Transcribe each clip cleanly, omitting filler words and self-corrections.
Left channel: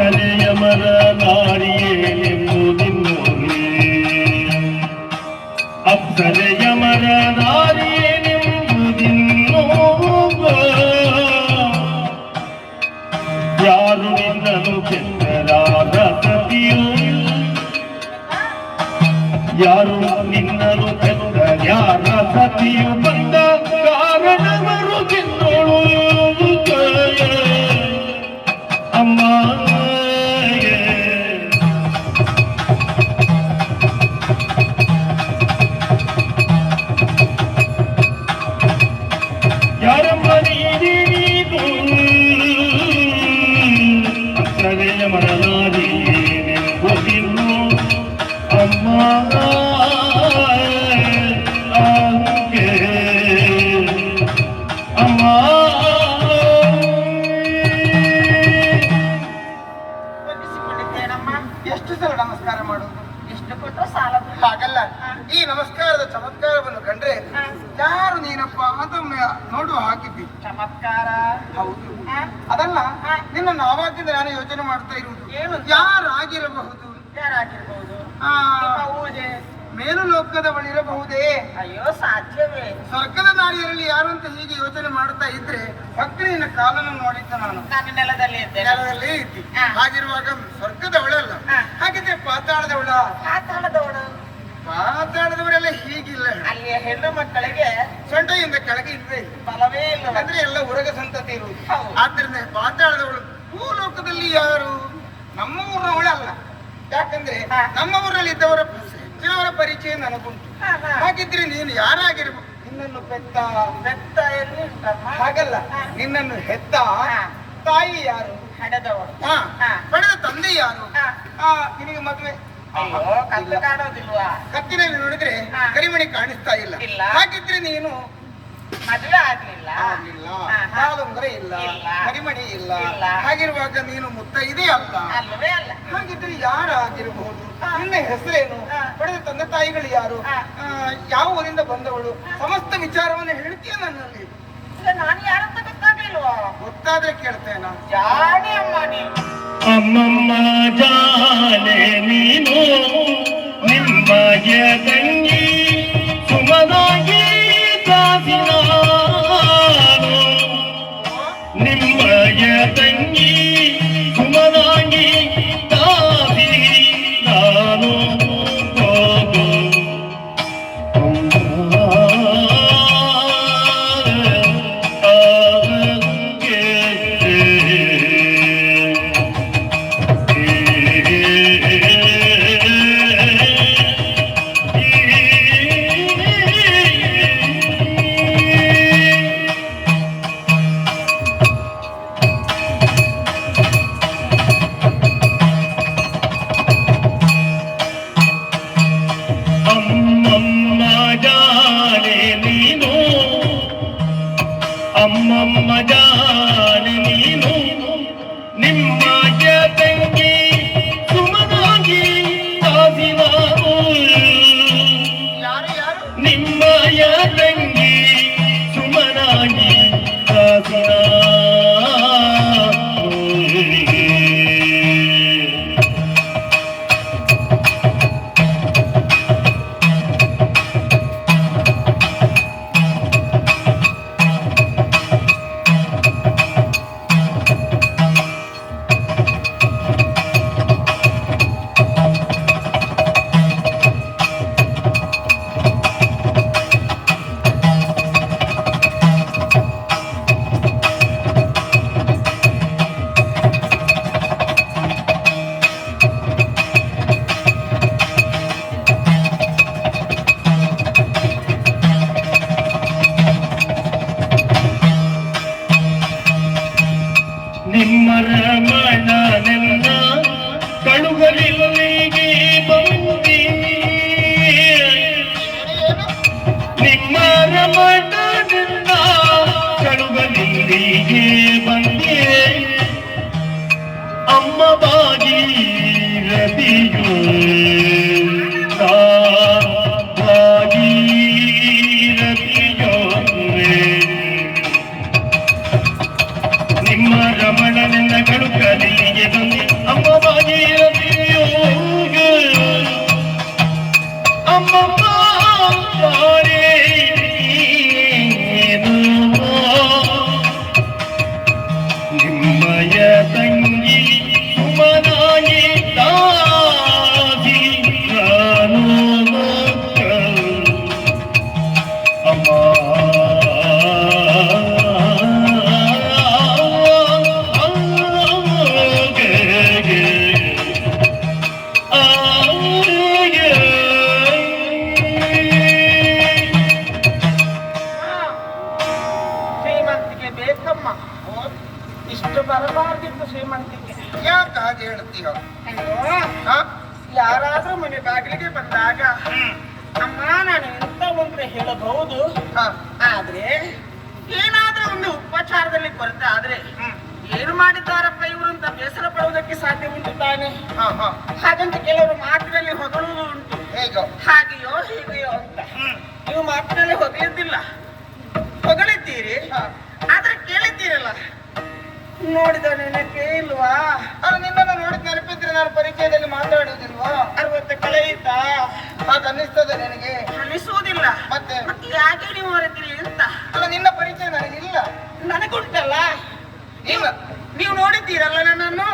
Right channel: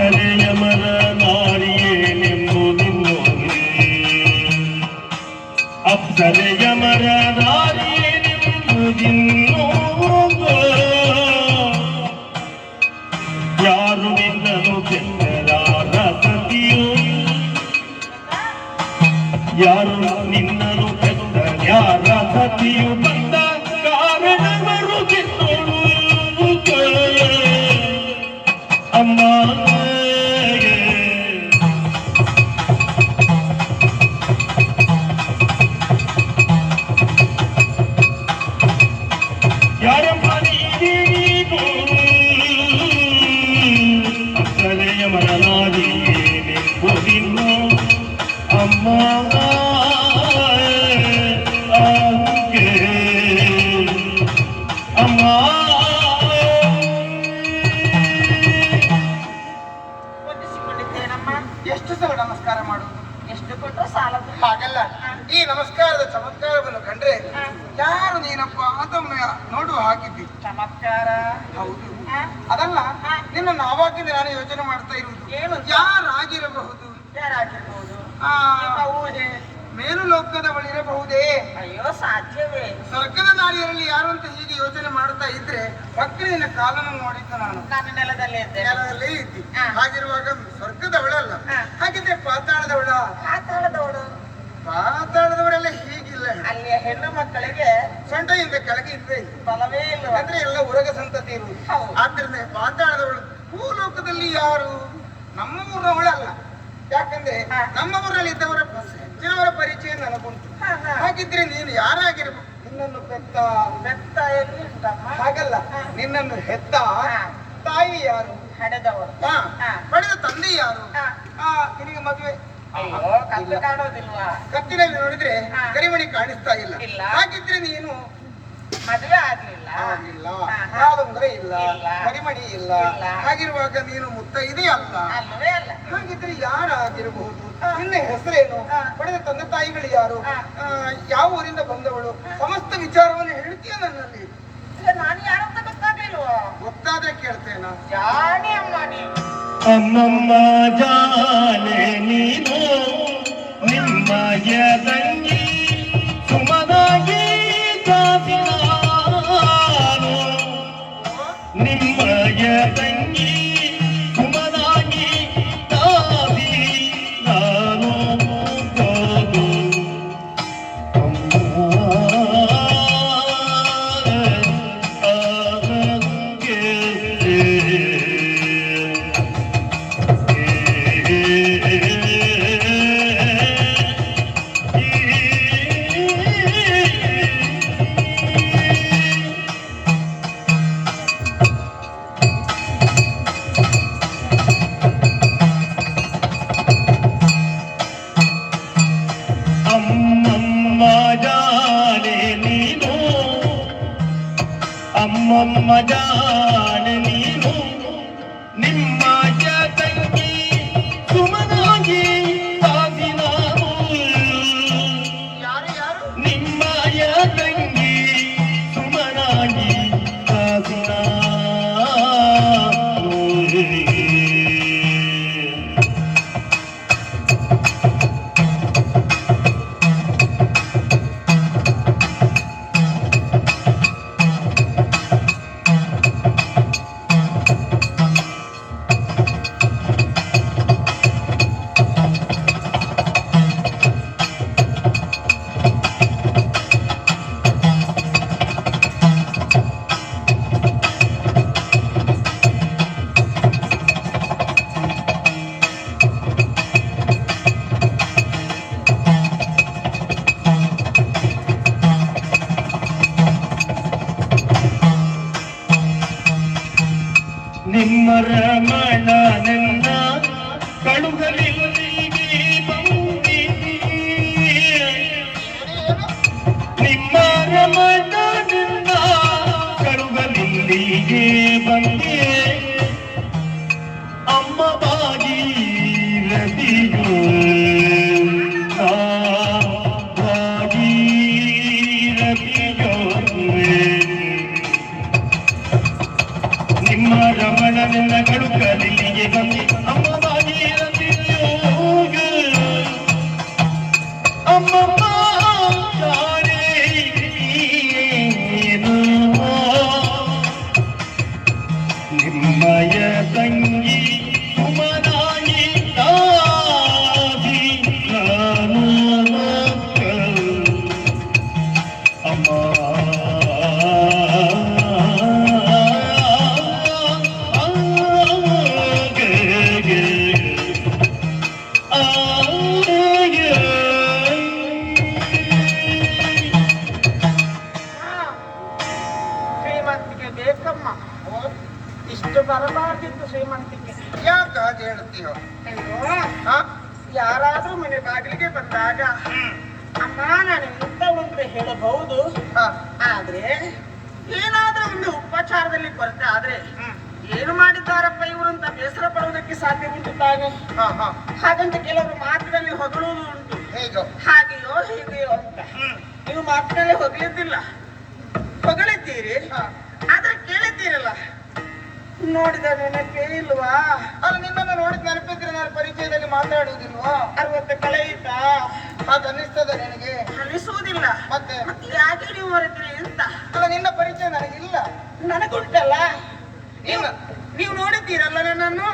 ಅಪ್ಸರೆಯಮರ ನಾರಿಯೇನೆಂಬುದಿನ್ನೋರೆ ಅಪ್ಸರೆಯಮರ ನಾರಿಯೇನೆಂಬುದಿನ್ನೋ ಯಾರು ನಿನ್ನನು ಕೆಟ್ಟರಾದ ಸತಿಯು ಯಾರು ನಿನ್ನನು ಕೆಟ್ಟ ಯಾರ ಸತಿಯು ಬಂದ ಕಾರಣವರು ಗೆನ್ನೋಳು ಅಮ್ಮ ಯಾರಮ್ಮ ನೀನು ಅಪ್ಸರೆಯ ಮರನಾದೀನೆಂಬುದಿನ್ನು ಅಮ್ಮ ಅಮ್ಮ ಎಷ್ಟು ಸಲ ನಮಸ್ಕಾರ ಮಾಡೋದು? ಎಷ್ಟು ಕೊಟ್ಟರೆ ಸಾಲ ಹಾಗಲ್ಲ. ಈ ನಮಸ್ಕಾರದ ಚಮತ್ಕಾರವನ್ನು ಕಂಡ್ರೆ ಯಾರು ನೀನಪ್ಪ ಅದೊಮ್ಮೆ ನೋಡುವ ಹಾಕಿದ್ದಿ. ಚಮತ್ಕಾರ ಹೌದು, ಅದಲ್ಲ ನಿನ್ನನ್ನು ಆವಾಗಿಂದ ನಾನು ಯೋಚನೆ ಮಾಡ್ತಾ ಇರುವುದು. ಏನು? ಯಾರಾಗಿರಬಹುದು? ಯಾರಾಗಿರ್ಬೋದು? ನಿಮ್ಮ ಊರಿಗೆ ಮೇಲು ಲೋಕದ ಬಳಿ ಇರಬಹುದೇ? ಅಯ್ಯೋ ಸಾಧ್ಯವೇ? ಸ್ವರ್ಗದ ನಾರಿಯರಲ್ಲಿ ಯಾರು ಅಂತ ಹೀಗೆ ಯೋಚನೆ ಮಾಡ್ತಾ ಇದ್ರೆ ಭಕ್ತಿನ ಕಾಲನ್ನು ನೋಡಿದ್ದ ನಾನು. ನಾನು ನೆಲದಲ್ಲೇ ಇದ್ದೇನೆ. ನೆಲದಲ್ಲೇ ಇದ್ದಿ. ಹಾಗಿರುವಾಗ ಸ್ವರ್ಗದವಳಲ್ಲ, ಹಾಗಿದ್ರೆ ಪಾತಾಳದವಳ? ಪಾತಾಳದವಳು. ಪಾತಾಳದವರೆಲ್ಲ ಹೀಗಿಲ್ಲ. ಅಲ್ಲಿಯ ಹೆಣ್ಣು ಮಕ್ಕಳಿಗೆ ಸೊಂಟದಿಂದ ಕೆಳಗೆ ಇದ್ರೆ ಬಲವೇ ಇಲ್ಲ. ಅಂದ್ರೆ ಎಲ್ಲ ಉರಗ ಸಂತತಿ ಇರುವುದು. ಆದ್ರಿಂದ ಪಾತಾಳದವಳು. ಭೂಲೋಕದಲ್ಲಿ ಯಾರು? ನಮ್ಮ ಊರವಳಲ್ಲ. ಯಾಕಂದ್ರೆ ನಮ್ಮ ಊರಲ್ಲಿ ಇದ್ದವರ ಹೆಚ್ಚಿನವರ ಪರಿಚಯ ನನಗುಂಟು. ಹಾಗಿದ್ರೆ ನೀನು ಯಾರಾಗಿರ್ಬೋದು? ನಿನ್ನನ್ನು ಪೆತ್ತ ಎಲ್ಲಿ ಉಂಟಮ್ಮ? ಹಾಗಲ್ಲ, ನಿನ್ನನ್ನು ಹೆತ್ತ ತಾಯಿ ಯಾರು? ಹಡೆದವಳು. ಪಡೆದ ತಂದೆ ಯಾರು? ನಿನಗೆ ಮದುವೆ ಅಯ್ಯೋ ಕತ್ತು ಕಾಣೋದಿಲ್ವಾ? ಕತ್ತಿನಲ್ಲಿ ನೋಡಿದ್ರೆ ಕರಿಮಣಿ ಕಾಣಿಸ್ತಾ ಇಲ್ಲ. ಹಾಗಿದ್ರೆ ನೀನು ಮದುವೆ ಆಗ್ಲಿಲ್ಲ. ಕಾಲುಂಗುರೆ ಇಲ್ಲ, ಕರಿಮಣಿ ಇಲ್ಲ. ಹಾಗಿರುವಾಗ ನೀನು ಮುತ್ತೈದೆ ಅಲ್ಲ. ಅಲ್ವೇ ಅಲ್ಲ. ಹಾಗಿದ್ರೆ ಯಾರಾಗಿರಬಹುದು? ನಿನ್ನ ಹೆಸರೇನು? ಪಡೆದ ತಂದೆ ತಾಯಿಗಳು ಯಾರು? ಯಾವ ಊರಿಂದ ಬಂದವಳು? ಸಮಸ್ತ ವಿಚಾರವನ್ನು ಹೇಳ್ತೀಯ ನನ್ನಲ್ಲಿ. ಇಲ್ಲ, ನಾನು ಯಾರಂತ ಗೊತ್ತಾಗ್ಲಿಲ್ವಾ? ಗೊತ್ತಾದ್ರೆ ಕೇಳ್ತೇನ? ಜಾಣಿ ಅಮ್ಮ ನೀನು. ಅಮ್ಮಮ್ಮ ಜಾನೆ ನೀನು ನಿಮ್ಮಯ ತಂಗಿ ಸುಮದಾಗಿ ದಾಸಿನಾನು ನಿಮ್ಮಯ ತಂಗಿ ಸುಮದಾಗಿ ದಾಸಿ ನಾನು ಹೋಗು ಅಮ್ಮಮ್ಮ ಜಾನೆ ನೀನು ನಿಮ್ಮಯ ತಂಗಿ ಸುಮನಾಗಿ ದಾಸಿನಾನು ನಿಮ್ಮಯ ತಂಗಿ ಸುಮನಾಗಿ ದಾಸಿನಾನು ನಿಮ್ಮ ರಮಣನೆನ್ನ ಕಳುಗಲಿಲ್ಲಿಗೆ ಬಂದಿ ನಿಮ್ಮ ರಮಣನೆನ್ನ ಕಳುಗಲಿಲ್ಲಿಗೆ ಬಂದೆ ಅಮ್ಮ ಭಾಗೀರಥಿಯೋ ಭಾಗೀರಥಿಯೋ ನಿಮ್ಮ ರಮಣನೆನ್ನ ಕಳುಗಲಿಲ್ಲಿಗೆ ಬಂದೆ ಬರಬಾರ್ದಿತ್ತು ಶ್ರೀಮಂತಿಕೆ. ಯಾಕೆ ಹಾಗೆ ಹೇಳ್ತೀಯ? ಅಯ್ಯೋ, ಹಾ? ಯಾರಾದ್ರೂ ಮನೆ ಬಾಗಿಲಿಗೆ ಬಂದಾಗ ಅಮ್ಮ ನಾನು ಎಂತವಳು ಅಂತ ಹೇಳಬಹುದು. ಹಾ. ಆದ್ರೆ ಏನಾದ್ರೂ ಒಂದು ಉಪಚಾರದಲ್ಲಿ ಕೊರತೆ ಆದ್ರೆ ಏನು ಮಾಡಿದ್ದಾರಪ್ಪ ಇವರು ಅಂತ ಬೇಸರ ಪಡುವುದಕ್ಕೆ ಸಾಧ್ಯ ಉಂಟು ತಾನೆ. ಹಾ, ಹಾ. ಹಾಗಂತ ಕೆಲವರು ಮಾತಿನಲ್ಲಿ ಹೊಗಳುವುದು ಉಂಟು. ಹೇಗೋ? ಹಾಗೆಯೋ ಹೀಗೆಯೋ ಅಂತ ನೀವು ಮಾತಿನಲ್ಲಿ ಹೊಗಳಿದ್ದಿಲ್ಲ, ಹೊಗಳಿದ್ದೀರಿ. ಹಾ. ಆದ್ರೆ ಕೇಳಿದ್ದೀರಲ್ಲ, ನೋಡಿದ ನೆನಪೇ ಇಲ್ವಾ? ಅಲ್ಲ, ನಿನ್ನನ್ನು ನೋಡಿದ್ ನೆನಪಿದ್ರೆ ನಾನು ಪರಿಚಯದಲ್ಲಿ ಮಾತಾಡುವುದಿಲ್ವಾ? 60 ಕಳೆಯಿತಾ? ಹಾಗೆ ಅನ್ನಿಸ್ತದೆ ನನಗೆ? ಅನಿಸುವುದಿಲ್ಲ. ಮತ್ತೆ ಯಾಕೆ ನೀವು ಹೊರತೀರಿ ಅಂತ? ಅಲ್ಲ, ನಿನ್ನ ಪರಿಚಯ ನನಗಿಲ್ಲ. ನನಗುಂಟಲ್ಲ. ನೀವು ನೋಡಿದ್ದೀರಲ್ಲ ನನ್ನನ್ನು?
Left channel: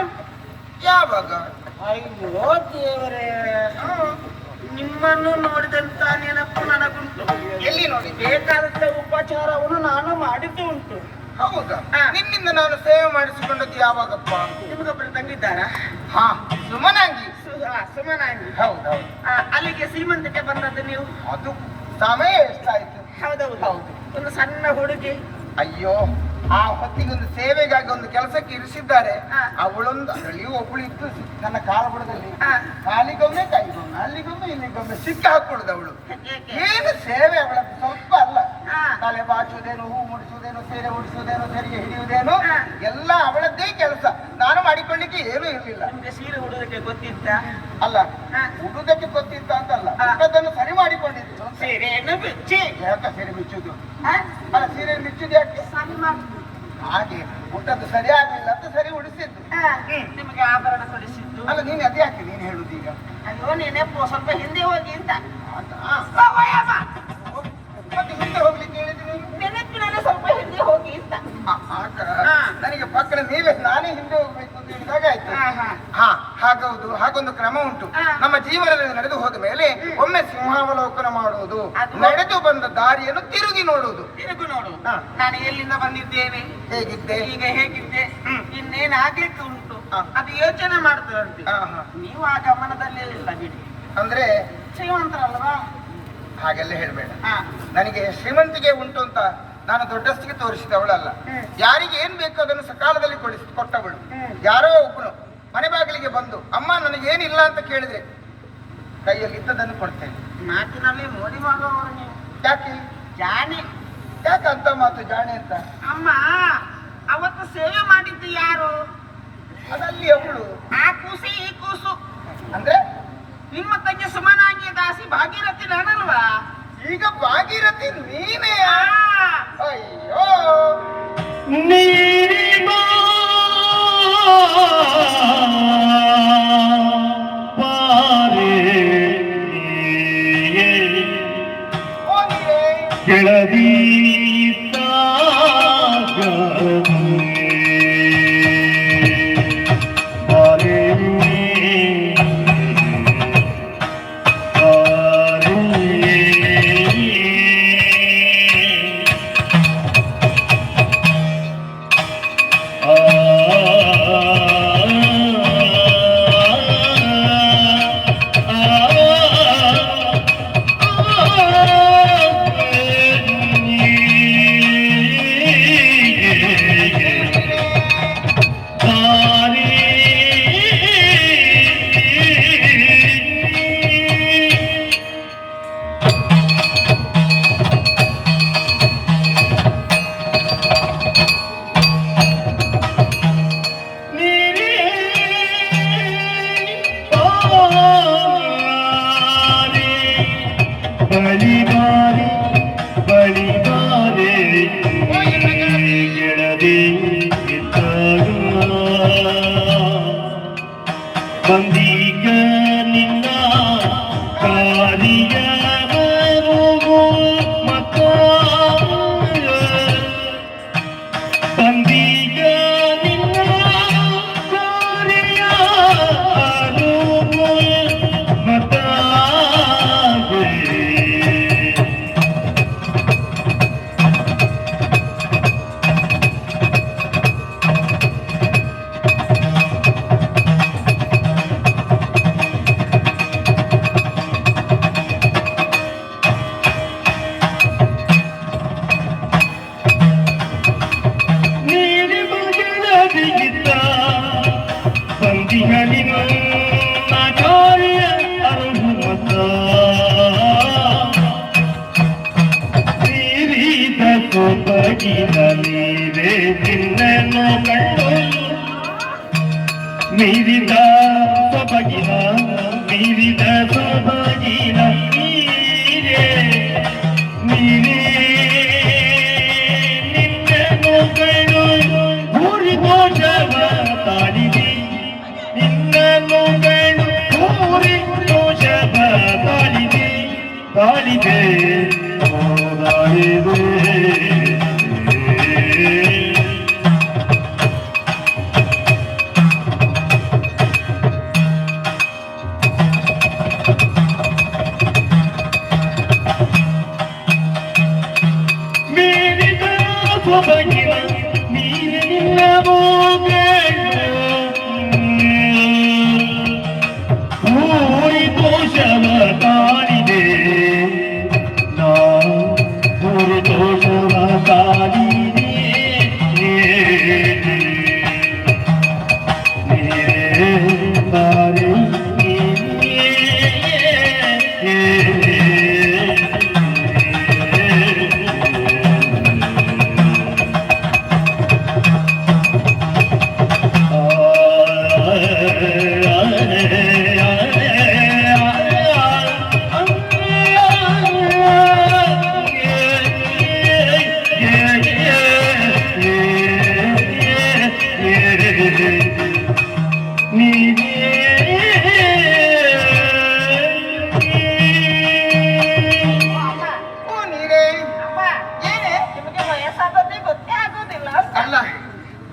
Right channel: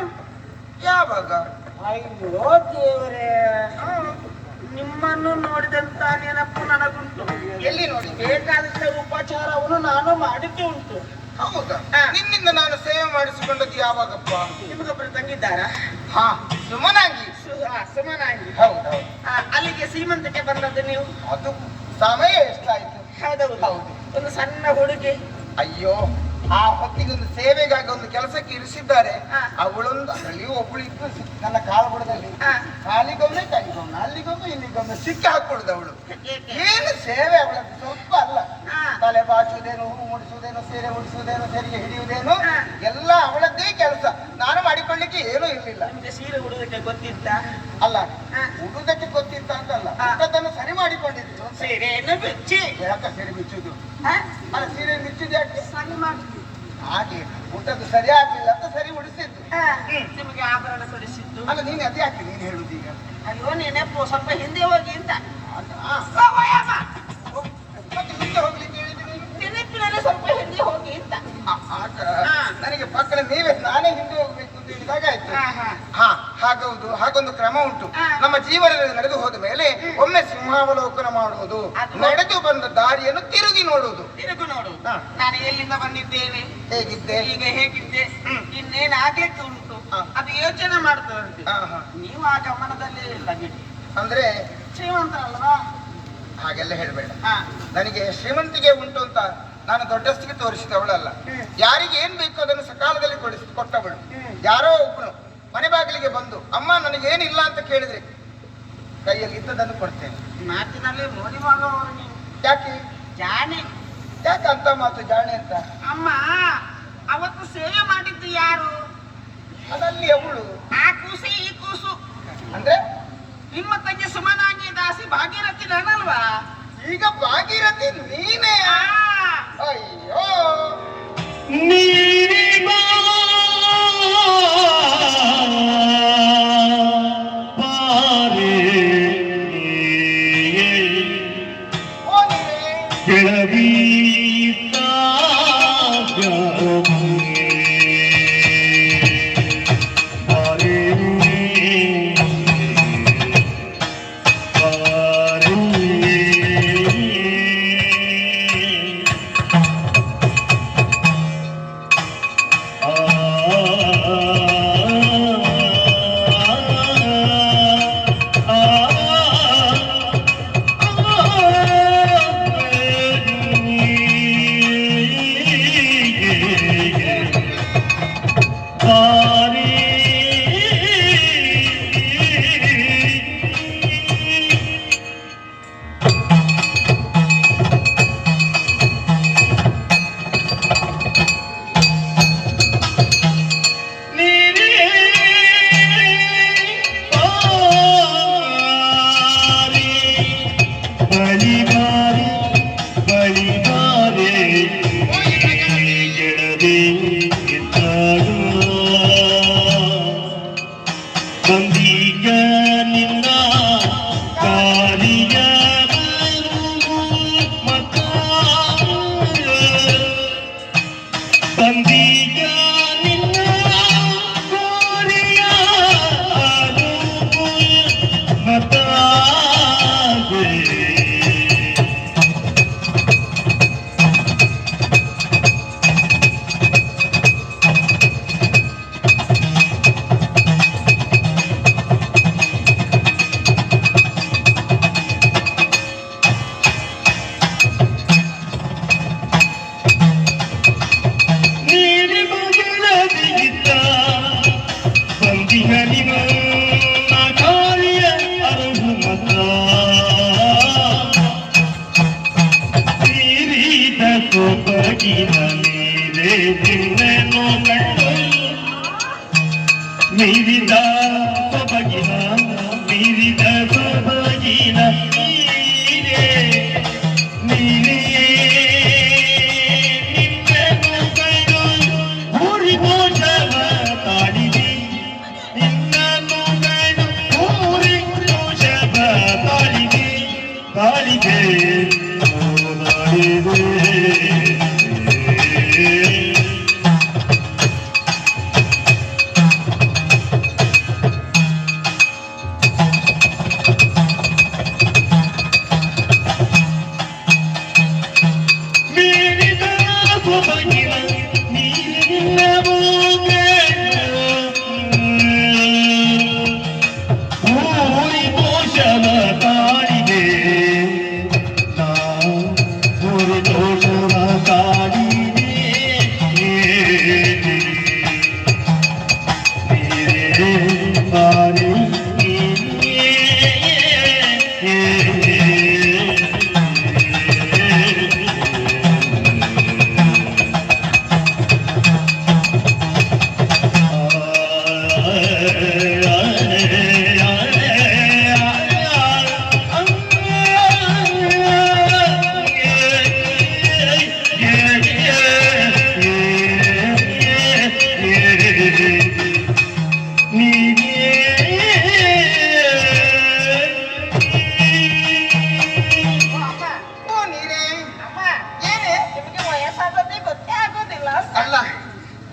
ಯಾವಾಗ? ಅಯ್ಯೋ ದೇವರೇ, ನಿಮ್ಮನ್ನು ನೋಡಿದಂತ ನೆನಪು ನನಗುಂಟು. ಎಲ್ಲಿ ನೋಡಿ? ಬೇಕಾದಂತ ಉಪಚಾರವನ್ನು ನಾನು ಮಾಡಿದ್ದು ಉಂಟು. ಹೌದಾ? ಹಾ. ನಿನ್ನಿಂದ ನಾನು ಸೇವೆ ಮಾಡಿಸಿಕೊಂಡದ್ದು ಯಾವಾಗಪ್ಪ? ನಿಮಗೊಬ್ಬರು ತಂಗಿದ್ದಾರಾ? ಹಾ, ಸುಮನಾಂಗಿ. ಸುಮನಾಗಿ. ಹೌದೌದು. ಅಲ್ಲಿಗೆ ಸೀಮಂತಕ್ಕೆ ಬಂದದ್ದು ನೀವು? ಅದು ಸಮಯ ಎಷ್ಟಾಯ್ತು? ಹೌದೌದು. ಹೌದು. ಒಂದು ಸಣ್ಣ ಹುಡುಗಿ. ಅಯ್ಯೋ, ಆ ಹೊತ್ತಿಗೆ ಒಂದು ಸೇವೆಗಾಗಿ ಒಂದು ಕೆಲಸಕ್ಕೆ ಇರಿಸಿದ್ದಾರೆ. ಹಾ. ಅವಳೊಂದು ಅದರಲ್ಲಿ ಒಬ್ಬಳು ಇತ್ತು ನನ್ನ ಕಾಲುಬುಡದಲ್ಲಿ. ಹಾ. ಕಾಲಿಗೊಮ್ಮೆ ಕೈಗೊಮ್ಮೆ ಅಲ್ಲಿಗೊಮ್ಮೆ ಇಲ್ಲಿಗೊಮ್ಮೆ ಸಿಕ್ಕಿ ಹಾಕೊಡುದು ಅವಳು. ಏಕೆ? ಏನು ಸೇವೆ ಅವಳದ್ದು ಸ್ವಲ್ಪ ಅಲ್ಲ. ಹಾ. ತಲೆ ಬಾಚುವುದೇನು, ಹೂ ಮುಡಿಸುವುದೇನು, ಸೀರೆ ಉಡಿಸುವುದೇನು, ಸೆರಿಗೆ ಹಿಡಿಯುವುದೇನು, ಹಾ. ಎಲ್ಲ ಅವಳದ್ದೇ ಕೆಲಸ. ನಾನು ಮಾಡಿಕೊಳ್ಳಿಕ್ಕೆ ಏನೂ ಇರಲಿಲ್ಲ. ನಿಮ್ಗೆ ಸೀರೆ ಉಡುವುದಕ್ಕೆ ಗೊತ್ತಿತ್ತ? ಅಲ್ಲ, ಹಾ. ಉಡುದಕ್ಕೆ ಗೊತ್ತಿತ್ತ ಅಂತಲ್ಲ, ಹಾ. ಅದನ್ನು ಸರಿ ಮಾಡಿಕೊಂಡಿದ್ದು. ಸೀರೆಯನ್ನು ಬಿಚ್ಚಿ ಯಾಕೆ ಸೀರೆ ಬಿಚ್ಚುದು? ಹಾ? ಅಲ್ಲ, ಸೀರೆ ಬಿಚ್ಚುದು ಯಾಕೆ? ಸರಿ ಮಾಡಿ. ಹಾಗೆ ಊಟದ್ದು ಸರಿ ಆಗ್ಲಿಲ್ಲ ಅಂತ ಸರಿ ಉಡಿಸಿದ್ದು. ಹಾ. ನಿಮಗೆ ಆಭರಣ ಕೊಡಿಸಿದ್ದು. ಅಲ್ಲ, ನೀನ್ ಅದೇ ಯಾಕೆ ನೀನ್ ಹೇಳುದು ಈಗ? ಅಯ್ಯೋ ನೆನಪು, ಸ್ವಲ್ಪ ಹಿಂದೆ ಹೋಗಿ ಅಂತ. ಮತ್ತೆ ಹಿಂದೆ ಹೋಗ್ಲಿಕ್ಕೆ ಹೇಳಿದ್ದು ನೀನು? ನೆನಪಿನಲ್ಲಿ ಸ್ವಲ್ಪ ಹಿಂದೆ ಹೋಗಿ ಅಂತ. ಆಗ ಹಾ. ನನಗೆ ಪಕ್ಕದ ನೀವೇ ನಾನೇ ಹಿಂದೆ ಹೋಗ್ಬೇಕು ಅಂತ ಹೇಳಿದಾಗ ಆಯ್ತು. ಹಾ, ಹಾ. ಹಾ, ಹಾಗೌದು. ಹಾಗೊಂದು ಕ್ರಮ ಉಂಟು. ಹಾ. ನಮ್ಮ ಜೀವನದಲ್ಲಿ ನಡೆದು ಹೋದ ಮೇಲೆ ಒಮ್ಮೆ ಸಿಂಹಾವಲೋಕನ ಮಾಡುವುದು, ಅದು- ನಡೆದು ಬಂದ ದಾರಿಯನ್ನು ತಿರುಗಿ ನೋಡುವುದು. ತಿರುಗು ನೋಡು. ಹಾ. ನಾನು ಎಲ್ಲಿಂದ ಬಂದಿದ್ದೇನೆ, ಹೇಗಿದ್ದೆ? ಈಗ ಹೇಗಿದ್ದೆ, ಇನ್ನೇನು ಆಗ್ಲಿಕ್ಕೆ ಉಂಟು, ಹಾ. ಅದು ಯೋಚನೆ ಮಾಡ್ತದಂತೆ. ಹಾ, ಹಾ. ನೀವು ಆ ಗಮನದಲ್ಲೇ ಇಲ್ಲ ಬಿಡಿ. ಅಂದ್ರೆ ಶ್ರೀಮಂತರಲ್ವಾ? ಹಾಗೆಲ್ಲ ಹೇಳ್ಬೇಡ. ಹಾ. ನನಗೆ ಶ್ರೀಮಂತಿಗೆ ಉಂಟು ಅಂತ ನಾನು ದೊಡ್ಡಸ್ತಿಗೆ ತೋರಿಸಿದವಳಲ್ಲ. ಯಾರಿಗೆ ಏನ್ ಬೇಕು ಅದನ್ನು ಸಕಾಲದಲ್ಲಿ ಕೊಟ್ಟವಳು. ಯಾರೋ ಒಬ್ಬನು ಮನೆ ಬಾಗಿಲಿಗೆ ಬಂದು ಅಮ್ಮ ನನಗೇನಿಲ್ಲ ಅಂತ ಕೇಳಿದ್ರೆ ಕೈಯಲ್ಲಿ ಇದ್ದದನ್ನು ಕೊಡ್ತೇನೆ. ಮಾತಿನಲ್ಲಿ ನೋಡಿ ಮಾಡುವವರು ನೀವು. ಯಾಕೆ? ಜಾಣೆ. ಯಾಕೆ ಅಂತ ಮಾತು ಜಾಣೆ ಅಂತ? ಅಮ್ಮ ಅವತ್ತು ಸೇವೆ ಮಾಡಿದ್ದು ಯಾರು? ಅದಲ್ಲಿ ಅವಳು ಆ ಕೂಸಿ ಈ ಕೂಸು. ಅಂದ್ರೆ ನಿಮ್ಮ ತಂಗಿ ಸುಮನಾಂಗಿ ದಾಸಿ ಭಾಗೀರಥಿ ನಾನಲ್ವಾ? ಈಗ ಭಾಗೀರಥಿ ನೀನೇ? ಅಯ್ಯೋ, ನೀರಿಬಾ ಪಾರೆ ಓ ನೀವೇ. ಕೆಳದಿ ಸೊಬಗಿನ ನೀರೇ ನಿನ್ನನ್ನು ಕಂಡು ಮೀರಿದ ಸೊಬಗಿನ ನೀರೇ ನೀರೇ ನಿನ್ನನ್ನು ಕಂಡು ಭೂರಿ ದೋಷವ ತಾಳಿದೆ ನಿನ್ನನ್ನು ಕಂಡು ಭೂರಿ ದೋಷವ ತಾಳಿದೆ ತಾಳಿದೆ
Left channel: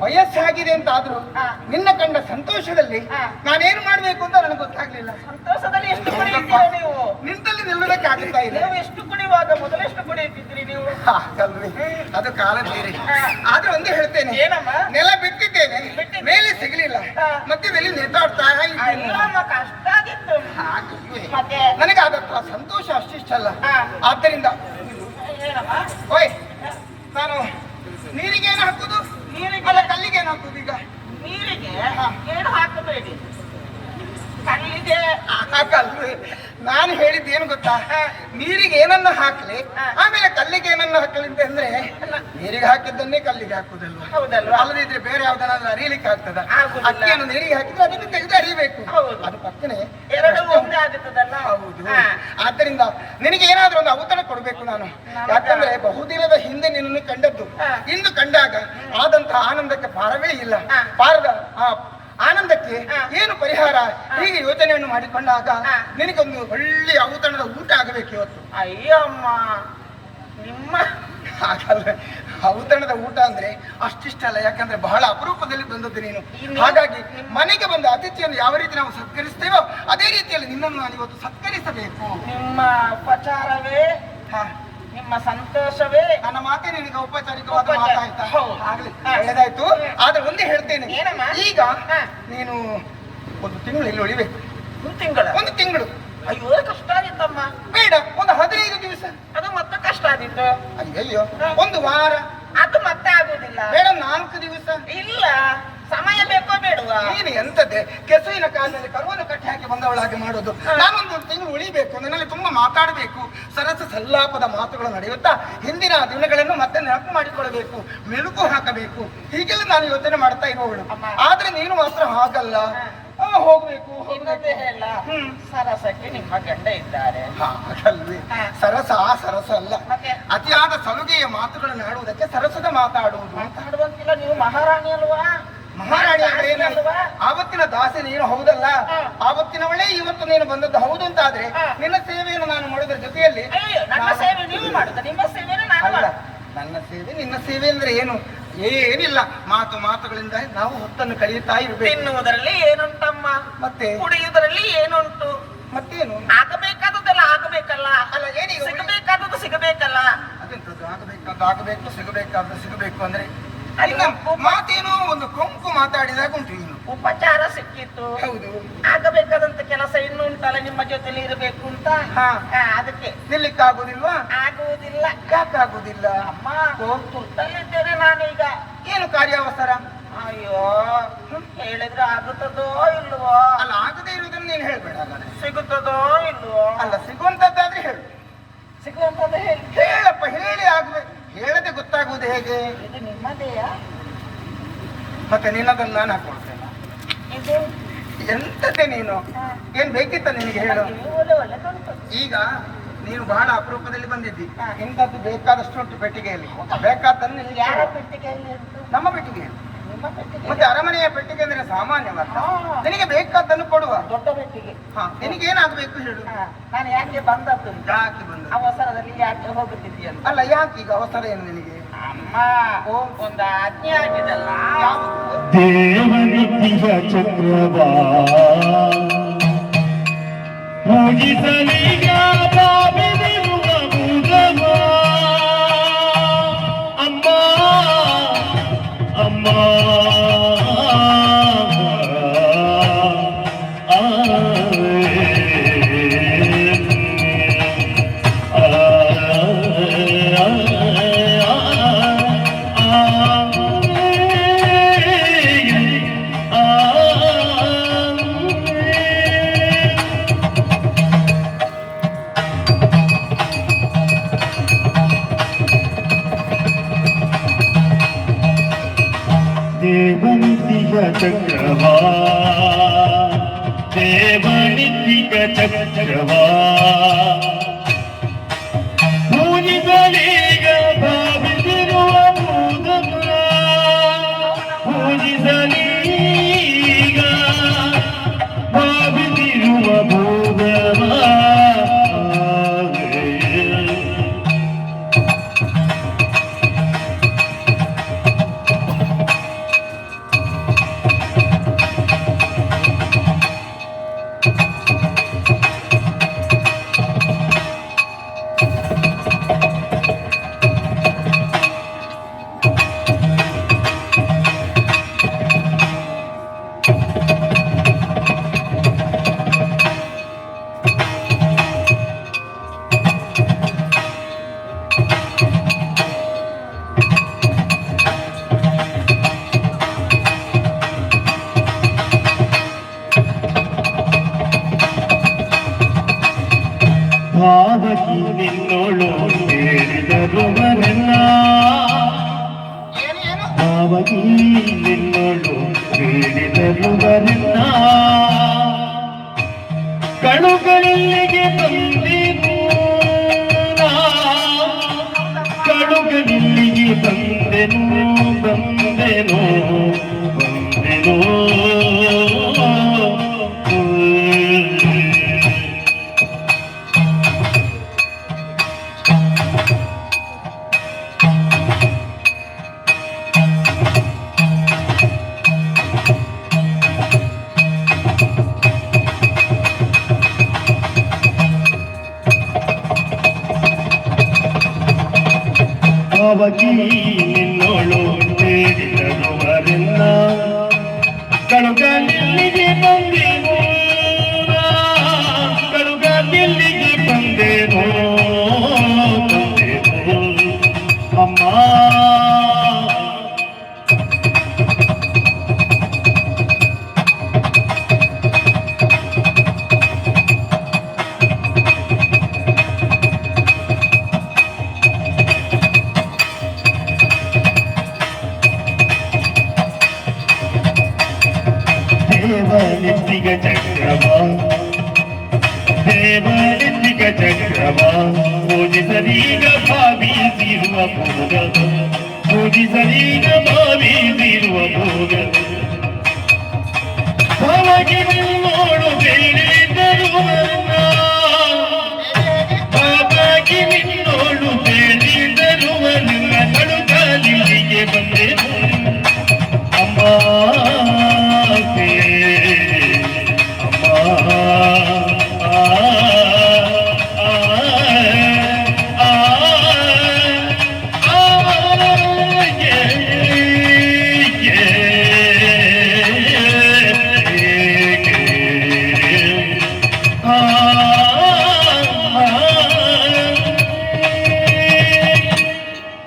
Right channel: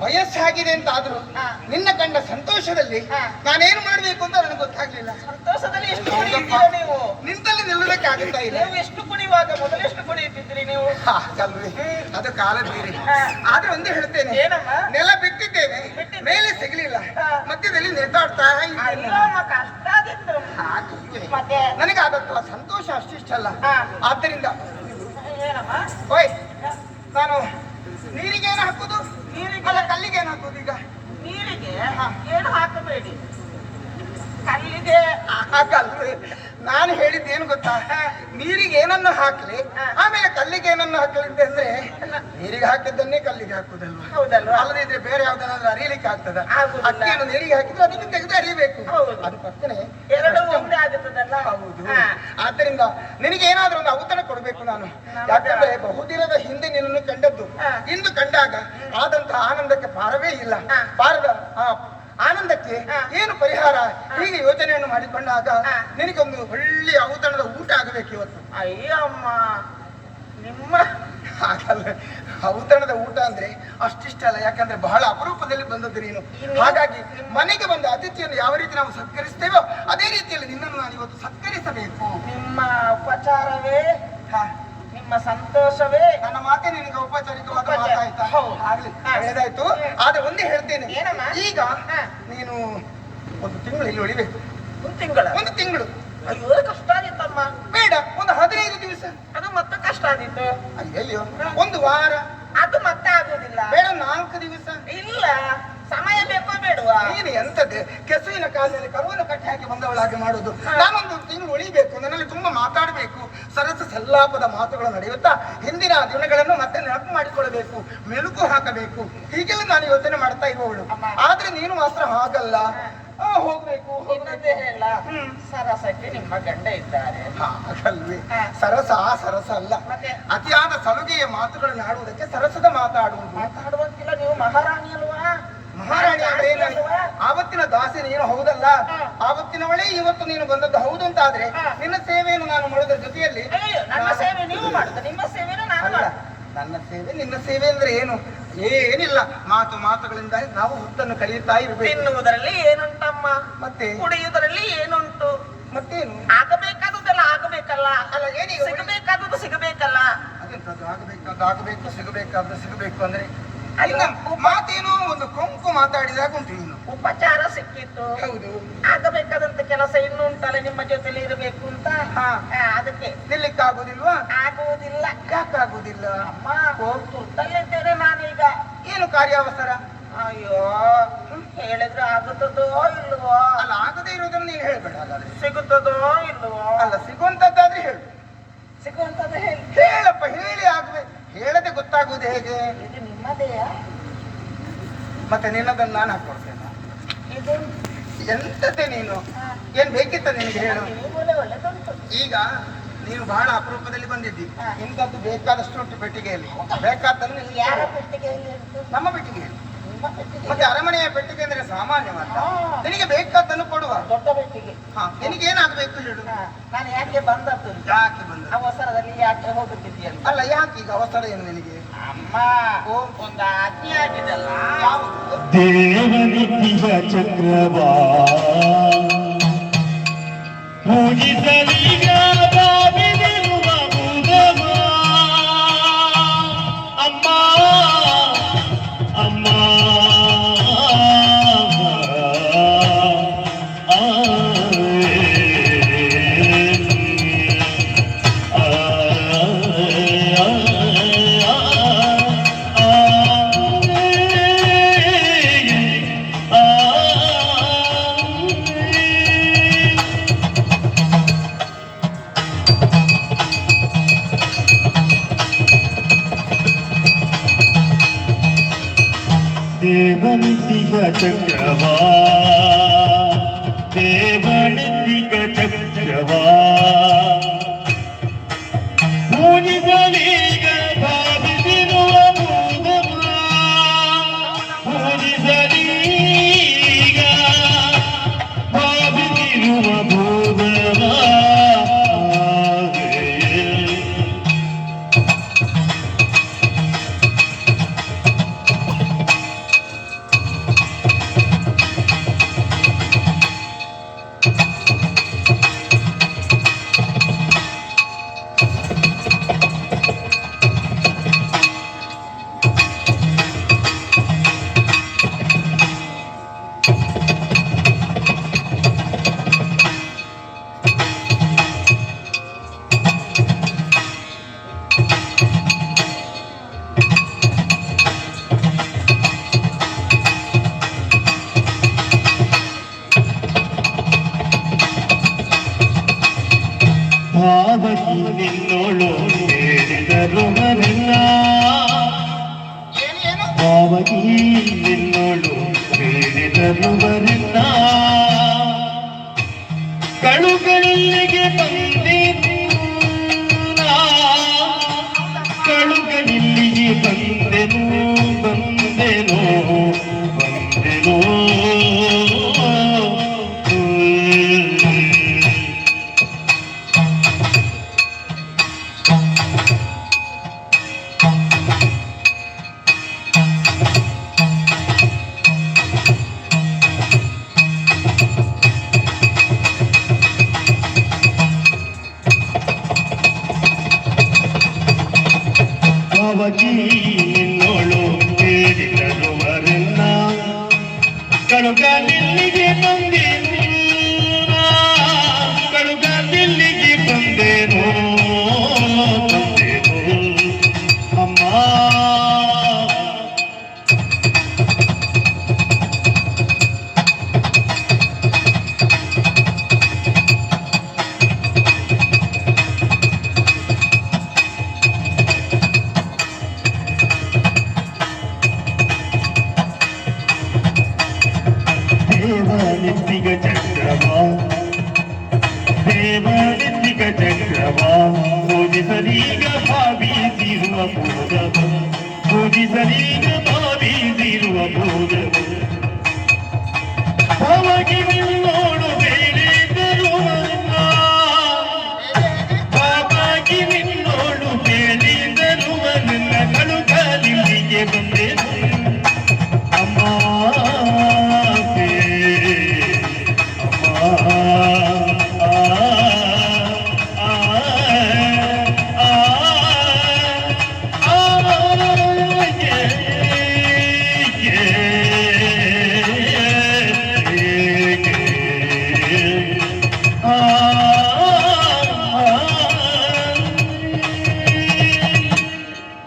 ವಯಸ್ಸಾಗಿದೆ ಅಂತ ಆದ್ರೂ ನಿನ್ನ ಕಂಡ ಸಂತೋಷದಲ್ಲಿ ನಾನೇನು ಮಾಡ್ಬೇಕು ಅಂತ ನನಗೆ ಗೊತ್ತಾಗ್ಲಿಲ್ಲ. ಸಂತೋಷದಲ್ಲಿ ಎಷ್ಟು ಕುಣಿಯುತ್ತೀರ ನೀವು? ನಿಂತಲ್ಲಿ ನಿಲ್ಲುವುದಕ್ಕೆ ಆಗುತ್ತಾ ಇಲ್ಲ. ನೀವು ಎಷ್ಟು ಕುಣಿಯುವಾಗ ಮೊದಲೆಷ್ಟು ಕುಣಿಯುತ್ತಿದ್ರಿ ನೀವು? ಕಲ್ವಿ ಅದು ಕಾಲದ ಬೇರೆ. ಆದ್ರೆ ಒಂದು ಹೇಳ್ತೇನೆ, ಏನಮ್ಮ? ನೆಲ ಬಿಟ್ಟಿದ್ದೇನೆ, ಮೇಲೆ ಸಿಗಲಿಲ್ಲ, ಮಧ್ಯದಲ್ಲಿ ನೇತಾಡ್ತಾ ಇದ್ದೇನೆ. ಕಷ್ಟ ಆಗಿತ್ತು. ನನಗೆ ಆದತ್ತ ಸಂತೋಷ ಅಷ್ಟಿಷ್ಟಲ್ಲ. ಆದ್ದರಿಂದ ಏನಮ್ಮ ಓಯ್ ನಾನು ನೀರಿಗೆ ಏನು ಹಾಕುದು? ನೀರಿಗೆ ಅಲ್ಲ ಕಲ್ಲಿಗೆ ಏನು ಹಾಕುದು? ಈಗ ನೀರಿಗೆ ಏನು ಹಾಕಬೇಡಿ, ಕಲ್ಲಿಗೆ ಹಾಕಲ್ರಿ. ನಾನು ಹೇಳಿದ್ದೇನು ಗೊತ್ತಾ, ನೀರಿಗೆ ಏನನ್ನು ಹಾಕ್ಲಿ ಆಮೇಲೆ ಕಲ್ಲಿಗೆ ಏನನ್ನು ಹಾಕಲಿ ಅಂದ್ರೆ ನೀರಿಗೆ ಹಾಕಿದ್ದನ್ನೇ ಕಲ್ಲಿಗೆ ಹಾಕುದಲ್ವಾ? ಹೌದಲ್ವಾ? ಅಲ್ಲದಿದ್ರೆ ಬೇರೆ ಯಾವ್ದನ್ನಾದ್ರೂ ಅರಿಯಲಿಕ್ಕೆ ಆಗ್ತದ? ಆಗುದಿಲ್ಲ. ಅಕ್ಕಿಯನ್ನು ನೀರಿಗೆ ಹಾಕಿದ್ರೆ ಅದನ್ನು ತೆಗೆದು ಅರಿಬೇಕು. ಅದು ಪಕ್ಕನೆ ಎರಡು ಒಂದೇ ಆಗುತ್ತದಲ್ಲ? ಹೌದು. ಆದ್ದರಿಂದ ನಿನಗೆ ಏನಾದ್ರೂ ಒಂದು ಔತಣ ಕೊಡ್ಬೇಕು ನಾನು. ಯಾಕಂದ್ರೆ ಬಹುದಿನದ ಹಿಂದೆ ನಿನ್ನನ್ನು ಕಂಡದ್ದು, ಇಂದು ಕಂಡಾಗ ಆದಂತಹ ಆನಂದಕ್ಕೆ ಪಾರವೇ ಇಲ್ಲ. ಪಾರದ ಆನಂದಕ್ಕೆ ಏನು ಪರಿಹಾರ? ಹೀಗೆ ಯೋಚನೆಯನ್ನು ಮಾಡಿಕೊಂಡಾಗ ನಿನಗೊಂದು ಒಳ್ಳೆಯ ಔತಣದ ಊಟ ಆಗಬೇಕು ಇವತ್ತು. ಅಯ್ಯಮ್ಮ, ನಿಮ್ಮ ಹಾಗಲ್ಲ, ಔತಣದ ಊಟ ಅಂದ್ರೆ ಅಷ್ಟಿಷ್ಟಲ್ಲ. ಯಾಕಂದ್ರೆ ಬಹಳ ಅಪರೂಪದಲ್ಲಿ ಬಂದದ್ದು ನೀನು. ಹಾಗಾಗಿ ಮನೆಗೆ ಬಂದ ಅತಿಥಿಯನ್ನು ಯಾವ ರೀತಿ ನಾವು ಸತ್ಕರಿಸ್ತೇವೋ ಅದೇ ರೀತಿಯಲ್ಲಿ ನಿನ್ನನ್ನು ನಾನು ಇವತ್ತು ಸತ್ಕರಿಸಬೇಕು. ನಿಮ್ಮ ಉಪಚಾರವೇ, ನಿಮ್ಮ ಸಂತೋಷವೇ ನನ್ನ ಮಾತೆ ನಿನಗೆ ಔಪಚಾರಿಕವಾದ ಮಾತಾಯ್ತಾ? ಆಗ್ಲಿ, ಒಳ್ಳೆದಾಯ್ತು. ಆದ್ರೆ ಒಂದೇ ಹೇಳ್ತೇನೆ, ಈಗ ನೀನು ಒಂದು ತಿಂಗಳು ಇಲ್ಲಿ ಉಳಿಬೇಕು. ಒಂದು ತಿಂಗಳು ಅಯ್ಯೋ ಕಷ್ಟ ಆಗಿತ್ತಮ್ಮ. ಬೇಡ, ಒಂದು 15 ದಿವಸ. ಅದು ಮತ್ತೆ ಕಷ್ಟ ಆಗಿತ್ತು. ಅಯ್ಯಯ್ಯೋ, ಒಂದು ವಾರ. ಅದು ಮತ್ತೆ ಆಗುದಿಲ್ಲ. ಬೇಡ, 4 ದಿವಸ. ಇಲ್ಲ, ಸಮಯ ಬೇಕೋ ಬೇಡವಾ? ನೀನು ಎಂತದ್ದೆ ಕೆಸುವಿನ ಕಾಲದಲ್ಲಿ ಕರುವನ್ನು ಕಟ್ಟಿ ಹಾಕಿ ಬಂದವಳಾಗಿ ಮಾಡೋದು. ನಾನೊಂದು ತಿಂಗಳು ಉಳಿಬೇಕು, ನನ್ನಲ್ಲಿ ತುಂಬಾ ಮಾತಾಡಬೇಕು, ಸರಸ ಸಲ್ಲಾಪದ ಮಾತುಗಳು ನಡೆಯುತ್ತಾ ಹಿಂದಿನ ದಿನಗಳನ್ನು ಮತ್ತೆ ನೆನಪು ಮಾಡಿಕೊಳ್ಳಬೇಕು, ಮೆಲುಕು ಹಾಕಬೇಕು. ಹೀಗೆಲ್ಲ ನಾನು ಯೋಚನೆ ಮಾಡ್ತಾ ಇರುವವಳು. ಆದ್ರೆ ನೀನು ಮಾತ್ರ ಹಾಗಲ್ಲ, ಹೋಗ್ಬೇಕು ಇನ್ನೊಂದೇ ಹೇಳ, ಸರಸಕ್ಕೆ ನಿಮ್ಮ ಗಂಡ ಇದ್ದಾರೆ. ಹಾಗಲ್ವಿ, ಸರಸ ಅಲ್ಲ, ಅತಿಯಾದ ಸಲುಗೆಯ ಮಾತುಗಳನ್ನು ಆಡುವುದಕ್ಕೆ ಸರಸದ ಮಾತಾಡುವುದು. ಮಾತಾಡುವಂತಿಲ್ಲ, ನೀವು ಮಹಾರಾಣಿ ಅಲ್ವಾ? ಮಹಾರಾಣಿ ಏನಲ್ವಾ? ಆವತ್ತಿನ ದಾಸಿ ನೀನು ಹೌದಲ್ಲ, ಆವತ್ತಿನವಳೇ ಇವತ್ತು ನೀನು ಬಂದದ್ದು ಹೌದು ಅಂತ ಆದ್ರೆ ನಿನ್ನ ಸೇವೆಯನ್ನು ನಾನು ಮಾಡೋದ್ರ ಜೊತೆಯಲ್ಲಿ ನನ್ನ ಸೇವೆ ನೀವು ಮಾಡುದು, ನಿಮ್ಮ ಸೇವೆಯನ್ನು ನಾನು ಅಲ್ಲ. ನನ್ನ ಸೇವೆ ನಿನ್ನ ಸೇವೆ ಅಂದ್ರೆ ಏನು? ಏನಿಲ್ಲ, ಮಾತುಗಳಿಂದ ನಾವು ಹೊತ್ತನ್ನು ಕಳೆಯುತ್ತಾ ಇರಬೇಕು. ತಿನ್ನುವುದರಲ್ಲಿ ಏನುಂಟಮ್ಮ, ಮತ್ತೆ ಕುಡಿಯುವುದರಲ್ಲಿ ಏನುಂಟು, ಮತ್ತೇನು? ಆಗಬೇಕಾದದ್ದೆಲ್ಲ ಆಗಬೇಕಲ್ಲ. ಅಲ್ಲ, ಏನೀಗ ಸಿಗಬೇಕಾದದ್ದು ಸಿಗಬೇಕಲ್ಲ. ಅದೆಂತದ್ದು ಆಗಬೇಕು, ಸಿಗಬೇಕು ಅಂದ್ರೆ ಮಾತೇನೋ ಒಂದು ಕೊಂಕು ಮಾತಾಡಿದಾಗ ಉಂಟು. ನೀನು ಉಪಚಾರ ಸಿಕ್ಕಿತ್ತು, ಹೌದು. ಆಗಬೇಕಾದಂತ ಕೆಲಸ ಇನ್ನೂ ಉಂಟಲ್ಲ, ನಿಮ್ಮ ಜೊತೆಲಿ ಇರಬೇಕು ಅಂತ. ಅದಕ್ಕೆ ನಿಲ್ಲಿಕ್ಕಾಗುದಿಲ್ವಾ? ಆಗುವುದಿಲ್ಲ. ಯಾಕಾಗುದಿಲ್ಲ? ಅಮ್ಮ, ತುರ್ತಲ್ಲಿದ್ದೇನೆ ನಾನೀಗ. ಏನು ಕಾರ್ಯಾವಸರ? ಅಯ್ಯೋ, ಹೇಳಿದ್ರೆ ಆಗುತ್ತದೋ ಇಲ್ವೋ? ಅಲ್ಲ, ಆಗದೇ ಇರುವುದನ್ನು ನೀನು ಹೇಳ್ಬೇಡ. ಹಾಗಾದ್ರೆ ಸಿಗುತ್ತದೋ ಇಲ್ವೋ? ಅಲ್ಲ, ಸಿಗುವಂತದ್ದಾದ್ರೆ ಹೇಳು. ಸಿಗುವಂತದ್ದು ಹೇಳಪ್ಪ, ಹೇಳಿ ಆಗ್ಬೇಕು. ಹೇಳದೆ ಗೊತ್ತಾಗುವುದು ಹೇಗೆ? ಇದು ನಿಮ್ಮದೇಯಾ? ಮತ್ತೆ ನಿನ್ನದನ್ನು ನಾನು ಹಾಕೊಳ್ತೇನೆ. ಇದು ಎಂತತೆ ನೀನು? ಏನ್ ಬೇಕಿತ್ತ ನಿನಗೆ ಹೇಳು? ಒಳ್ಳೆದುಂಟು. ಈಗ ನೀನು ಬಹಳ ಅಪರೂಪದಲ್ಲಿ ಬಂದಿದ್ದಿ. ಇಂಥದ್ದು ಬೇಕಾದಷ್ಟು ಉಂಟು ಪೆಟ್ಟಿಗೆಯಲ್ಲಿ. ಬೇಕಾದ್ದನ್ನು ನಿನಗೆ ಯಾರ ಹೇಳು. ಪೆಟ್ಟಿಗೆಯಲ್ಲಿ ಉಂಟು? ನಮ್ಮ ಪೆಟ್ಟಿಗೆಯಲ್ಲಿ. ನಿಮ್ಮ ಪೆಟ್ಟಿಗೆ? ಮತ್ತೆ ಅರಮನೆಯ ಪೆಟ್ಟಿಗೆ ಅಂದ್ರೆ ಸಾಮಾನ್ಯವಲ್ಲ. ಹಾ. ನಿನಗೆ ಬೇಕಾದ್ದನ್ನು ಕೊಡುವ. ದೊಡ್ಡ ಪೆಟ್ಟಿಗೆ. ನಿನಗೆ ಏನಾಗಬೇಕು ಹೇಳು? ನಾನು ಯಾಕೆ ಬಂದದ್ದು? ಯಾಕೆ ಬಂದ? ಅವಸರದಲ್ಲಿ ಯಾಕೆ ಹೋಗುತ್ತಿದ್ದೀಯಲ್ಲ? ಅಲ್ಲ, ಯಾಕೆ ಈಗ ಅವಸರ ಏನು ನಿನಗೆ? ಅಮ್ಮ ಒಂದು ಆಜ್ಞೆ ಆಗಿದಲ್ಲ. ದೇವನಿತ್ಯ ಚಕ್ರವಾ ಪೂಜಿಸಲಿಗ ಬಾವಿದಿರುವ ಭೂಗಮ. ಅಮ್ಮ ಅಮ್ಮ ದೇವನಿತ್ಯ ಚಕ್ರವಾ ದೇವನಿತ್ಯ ಚಕ್ರವಾ ಪೂಜಿಸಲೀಗ ಭಾವಿಸಿರುವ ಭೂಗಮ. ಪೂಜಿಸಲೀಗ ಭಾವಿಸಿರುವ ಭೂಗಮ. ಭಾವಕಿ ನಿನ್ನೋಳು ಹೇಳಿದರು ಮರೆಲ್ಲ. ಏನು? ಭಾವಕಿ ನಿನ್ನೋಳು ಹೇಳಿದರು ಮರೆಲ್ಲ. ಕಳುಗಳಿಲ್ಲಿಗೆ ಬಂದಿತು ನಾ. ಕಳುಗಳಿಲ್ಲಿಗೆ ಬಂದೆನು ಬಂದೆನು ಬಂದೆನು. ಭಾವಕಿ ನಿನ್ನೋಳು ಹೇಳಿದರು ಮರೆಲ್ಲ. ಕಳುಗಳಿಲ್ಲಿಗೆ ಬಂದೆನು ನಾ. ಕಳುಗಳಿಲ್ಲಿಗೆ ಬಂದೆನು ಬಂದೆನು ಅಮ್ಮ. ದೇವನಿತ್ಯ ಚಕ್ರವಾ ದೇವನಿತ್ಯ ಚಕ್ರವಾ ಪೂಜಿಸಲೀಗ ಭಾವಿಸಿರುವ ಭೂಗಮ. ಪೂಜಿಸಲೀಗ ಭಾವಿಸಿರುವ ಭೂಗಮ. ಭಾವಕಿ ನಿನ್ನೋಡು ಹೇಳಿದರು ಮರೆಲ್ಲ.